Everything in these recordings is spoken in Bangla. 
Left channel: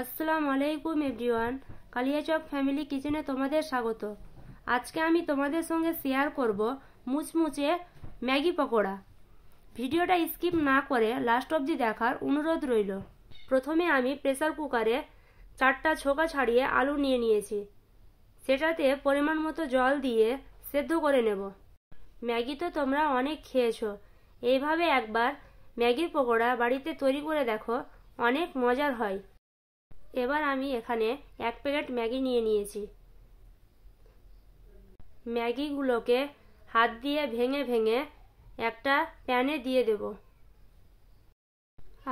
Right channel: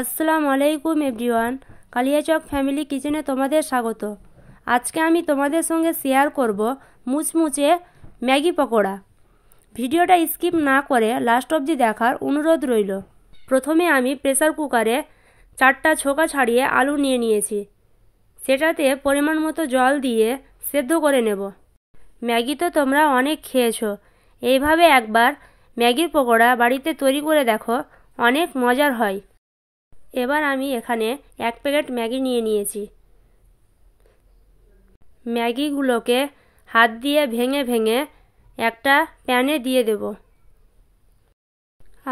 আসসালামু আলাইকুম এভরিওয়ান, কালিয়াচক ফ্যামিলি কিচেনে তোমাদের স্বাগত। আজকে আমি তোমাদের সঙ্গে শেয়ার করব মুচমুচে ম্যাগি পকোড়া। ভিডিওটা স্কিপ না করে লাস্ট অবধি দেখার অনুরোধ রইল। প্রথমে আমি প্রেসার কুকারে 4টা ছোকা ছাড়িয়ে আলু নিয়ে নিয়েছি। সেটাতে পরিমাণ মতো জল দিয়ে সেদ্ধ করে নেব। ম্যাগি তো তোমরা অনেক খেয়েছো, এইভাবে একবার ম্যাগির পকোড়া বাড়িতে তৈরি করে দেখো, অনেক মজার হয়। এবার আমি এখানে 1 প্যাকেট ম্যাগি নিয়ে নিয়েছি। ম্যাগিগুলোকে হাত দিয়ে ভেঙে ভেঙে একটা প্যানে দিয়ে দেব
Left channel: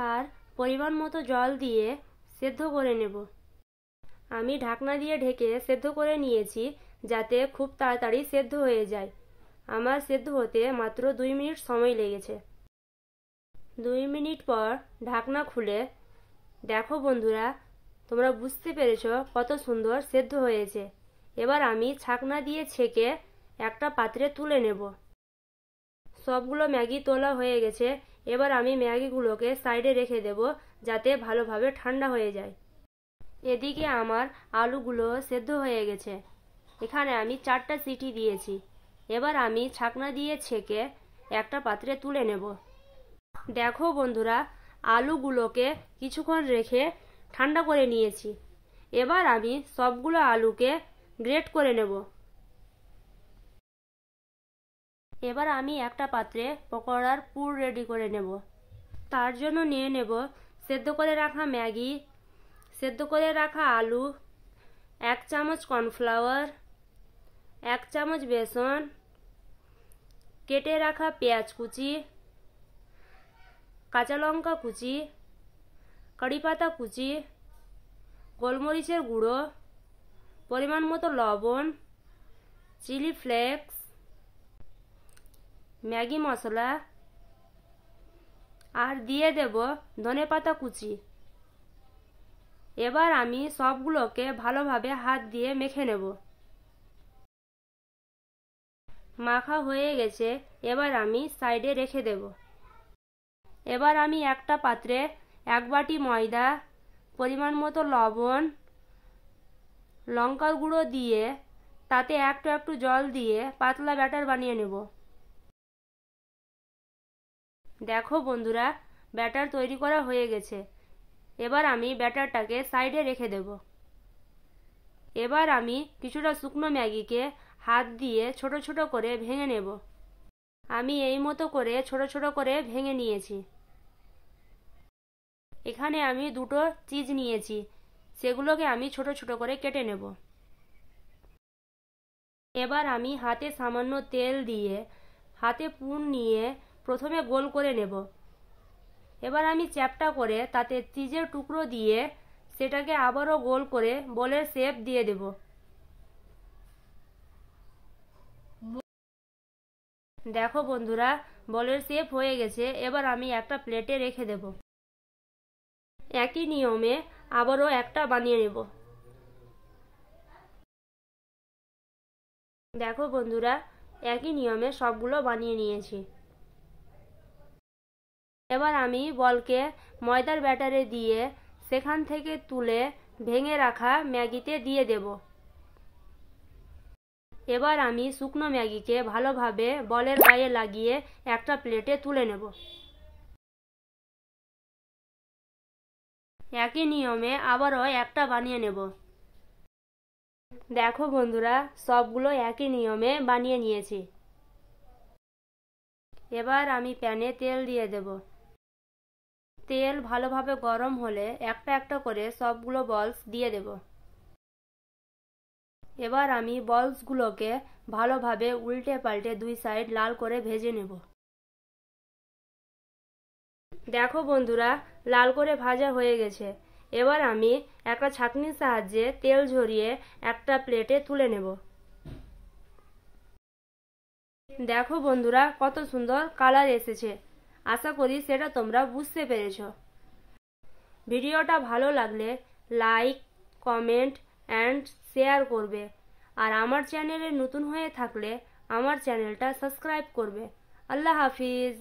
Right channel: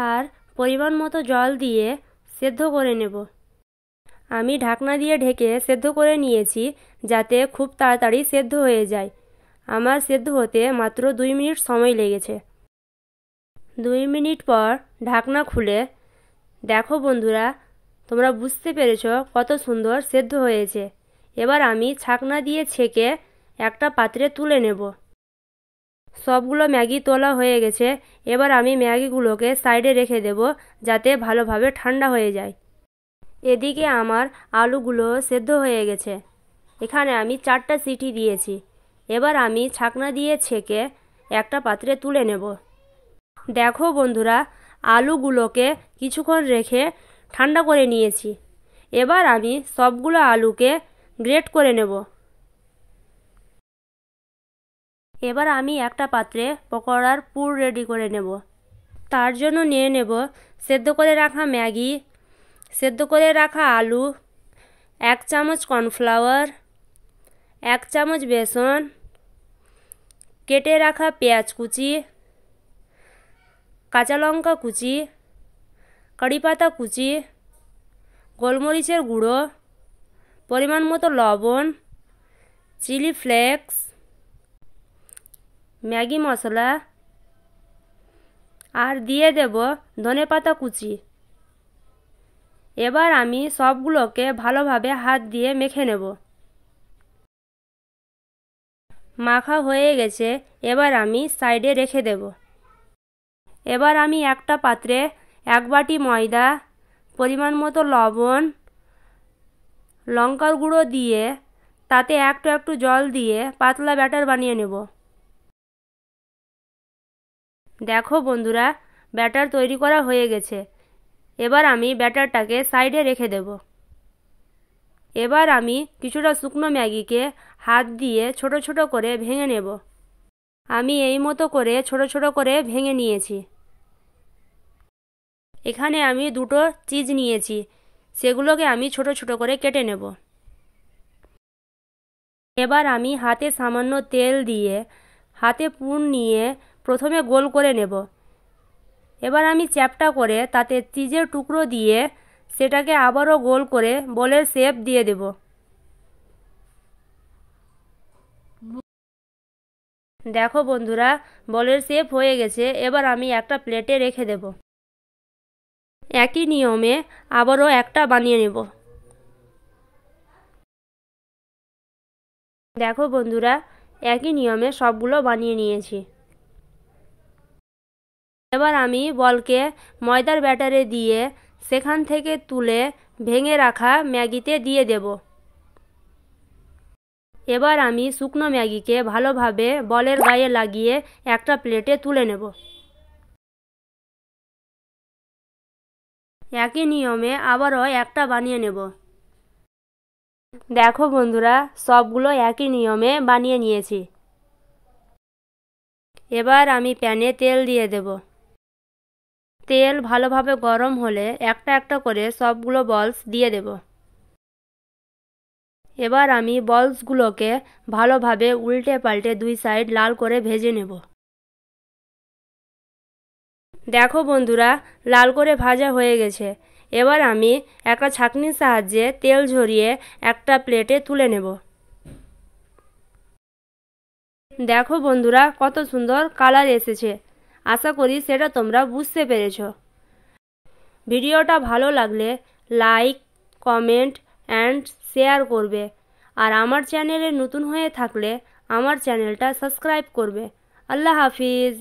আর পরিমাণ মতো জল দিয়ে সেদ্ধ করে নেব। আমি ঢাকনা দিয়ে ঢেকে সেদ্ধ করে নিয়েছি যাতে খুব তাড়াতাড়ি সেদ্ধ হয়ে যায়। আমার সেদ্ধ হতে মাত্র 2 মিনিট সময় লেগেছে। 2 মিনিট পর ঢাকনা খুলে দেখো বন্ধুরা, তোমরা বুঝতে পেরেছ কত সুন্দর সেদ্ধ হয়েছে। এবার আমি ছাকনা দিয়ে ছেঁকে একটা পাত্রে তুলে নেব। সবগুলো ম্যাগি তোলা হয়ে গেছে। এবার আমি ম্যাগিগুলোকে সাইডে রেখে দেব যাতে ভালোভাবে ঠান্ডা হয়ে যায়। এদিকে আমার আলুগুলো সেদ্ধ হয়ে গেছে। এখানে আমি 4টা সিটি দিয়েছি। এবার আমি ছাকনা দিয়ে ছেঁকে একটা পাত্রে তুলে নেব। দেখো বন্ধুরা, আলুগুলোকে কিছুক্ষণ রেখে ঠান্ডা করে নিয়েছি। এবার আমি সবগুলো আলুকে গ্রেট করে নেব। এবার আমি একটা পাত্রে পকোড়ার পুর রেডি করে নেব। তার জন্য নিয়ে নেব সেদ্ধ করে রাখা ম্যাগি, সেদ্ধ করে রাখা আলু, 1 চামচ কর্নফ্লাওয়ার, 1 চামচ বেসন, কেটে রাখা পেঁয়াজ কুচি, কাঁচা লঙ্কা কুচি, কারিপাতা কুচি, গোলমরিচের গুঁড়ো, পরিমাণ মতো লবণ, চিলি ফ্লেক্স, ম্যাগি মশলা আর দিয়ে দেব ধনেপাতা কুচি। এবার আমি সবগুলোকে ভালোভাবে হাত দিয়ে মেখে নেব। মাখা হয়ে গেছে, এবার আমি সাইডে রেখে দেব। এবার আমি একটা পাত্রে 1 বাটি ময়দা, পরিমাণ মতো লবণ, লঙ্কার গুঁড়ো দিয়ে তাতে একটু একটু জল দিয়ে পাতলা ব্যাটার বানিয়ে নেব। দেখো বন্ধুরা, ব্যাটার তৈরি করা হয়ে গেছে। এবার আমি ব্যাটারটাকে সাইডে রেখে দেব। এবার আমি কিছুটা শুকনো ম্যাগিকে হাত দিয়ে ছোট ছোট করে ভেঙে নেব। আমি এই মতো করে ছোট ছোট করে ভেঙে নিয়েছি। এখানে আমি 2টো চিজ নিয়েছি, সেগুলোকে আমি ছোট ছোট করে কেটে নেব। এবার আমি হাতে সামান্য তেল দিয়ে হাতে পুর নিয়ে প্রথমে গোল করে নেব। এবার আমি চ্যাপ্টা করে তাতে চিজের টুকরো দিয়ে সেটাকে আবারও গোল করে বলের শেপ দিয়ে দেব। দেখো বন্ধুরা, বলের শেপ হয়ে গেছে। এবার আমি একটা প্লেটে রেখে দেব। একই নিয়মে আবারও একটা বানিয়ে নেব। দেখো বন্ধুরা, একই নিয়মে সবগুলো বানিয়ে নিয়েছি। এবার আমি বলকে ময়দার ব্যাটারে দিয়ে সেখান থেকে তুলে ভেঙে রাখা ম্যাগিতে দিয়ে দেব। এবার আমি শুকনো ম্যাগিকে ভালোভাবে বলের গায়ে লাগিয়ে একটা প্লেটে তুলে নেব। একই নিয়মে আবারও একটা বানিয়ে নেব। দেখো বন্ধুরা, সবগুলো একই নিয়মে বানিয়ে নিয়েছি। এবার আমি প্যানে তেল দিয়ে দেব। তেল ভালোভাবে গরম হলে একটা একটা করে সবগুলো বলস দিয়ে দেব। এবার আমি বলসগুলোকে ভালোভাবে উল্টে পাল্টে 2 সাইড লাল করে ভেজে নেব। দেখো বন্ধুরা, লাল করে ভাজা হয়ে গেছে। এবার আমি একটা ছাঁকনির সাহায্যে তেল ঝরিয়ে একটা প্লেটে তুলে নেব। দেখো বন্ধুরা, কত সুন্দর কালার এসেছে। আশা করি সেটা তোমরা বুঝতে পেরেছ। ভিডিওটা ভালো লাগলে লাইক, কমেন্ট অ্যান্ড শেয়ার করবে। আর আমার চ্যানেলে নতুন হয়ে থাকলে আমার চ্যানেলটা সাবস্ক্রাইব করবে। আল্লাহ হাফিজ।